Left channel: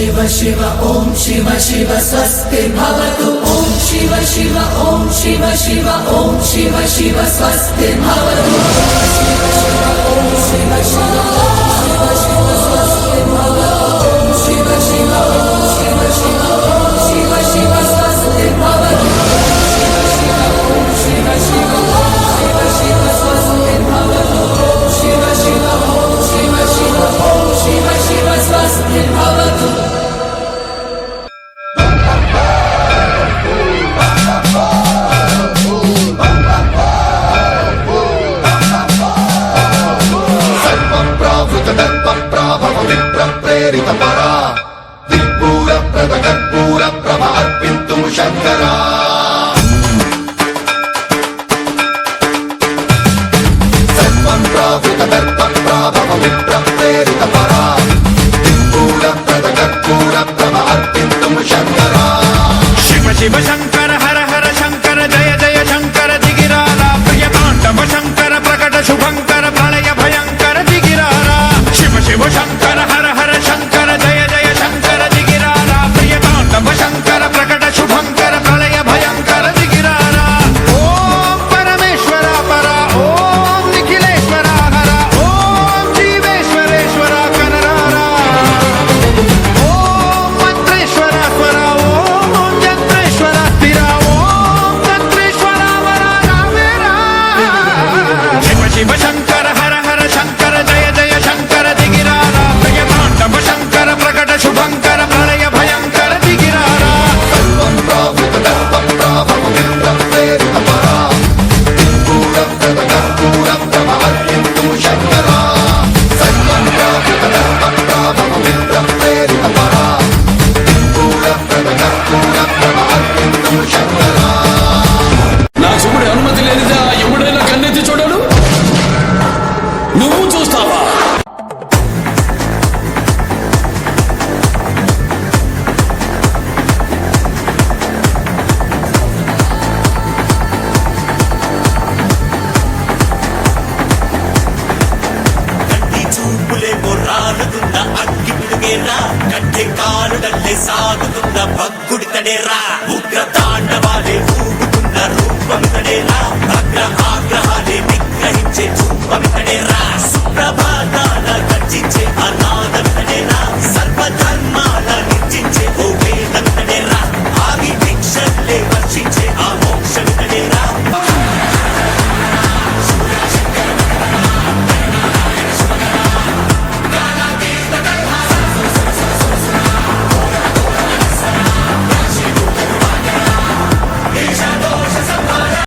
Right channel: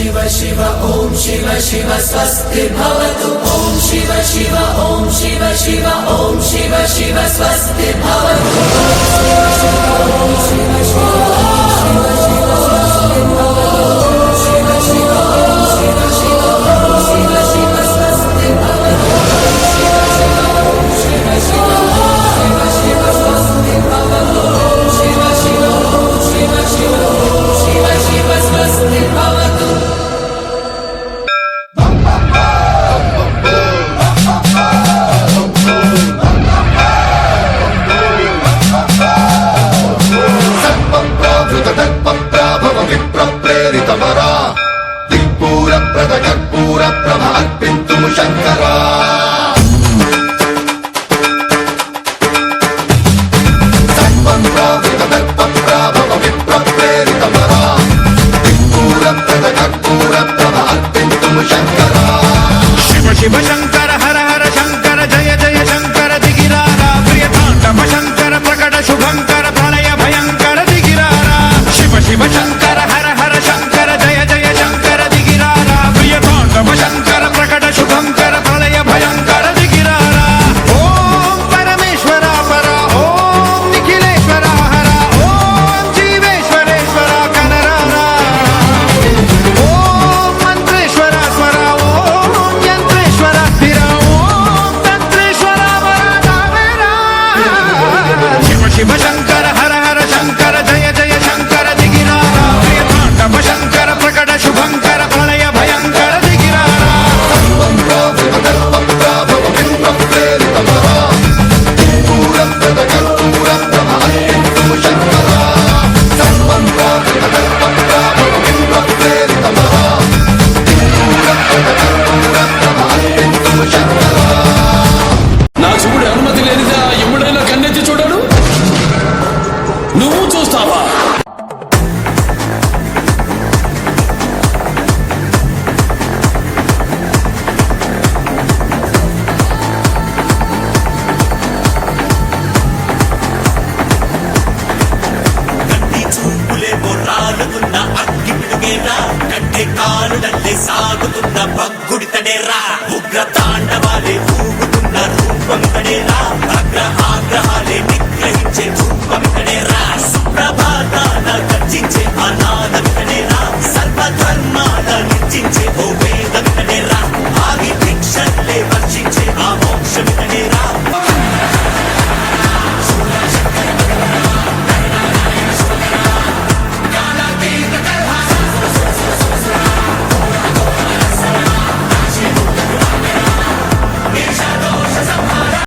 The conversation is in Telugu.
शिव शिव ॐ शिव शिव स्वस्ति भवतु ॐ शिव शिव ॐ शिव शिव ॐ शिव शिव स्वस्ति भवतु शिव शिव ॐ शिव शिव शिव शिव स्वस्ति भवतु शिव शिव ॐ शिव शिव शिव शिव स्वस्ति भवतु शिव शिव ॐ शिव शिव शिव शिव स्वस्ति भवतु शिव शिव ॐ शिव शिव शिव शिव स्वस्ति भवतु शिव शंकर हर हर शंकर जय जय शंकर दिगिरारा प्रिय तांडव शंकर प्रकट शुभंकर प्रलय भयंकर दिगिरारा शिव शिव शंकर हर हर शंकर जय जय शंकर दिगिरारा प्रिय तांडव शंकर प्रकट शुभंकर प्रलय भयंकर दिगिरारा ओम परमेश्वर पर ओम निखिलेश्वर हर ओम जीवेश्वरेश्वर कररारा ओम मंत्रेश्वर स्वर ओम यंत्रेश्वर स्थिर ओम तत्रेश्वर वरदामेरा शिव शिव शंकर हर हर शंकर जय जय शंकर दिगिरारा प्रिय तांडव शंकर प्रकट शुभंकर प्रलय भयंकर दिगिरारा నా శివుడి అనుమతి లేనిదా ఎవడైనా కన్నెత్తి చూడడు. నువ్వు చూస్తావా? కంటి చూపులేమో రాలుతున్న అగ్గి పిడుగేరా కట్టె కాలుడల్లే సాగుతున్న భగ్గుడితడేరా ఉగ్ర తాండవాలే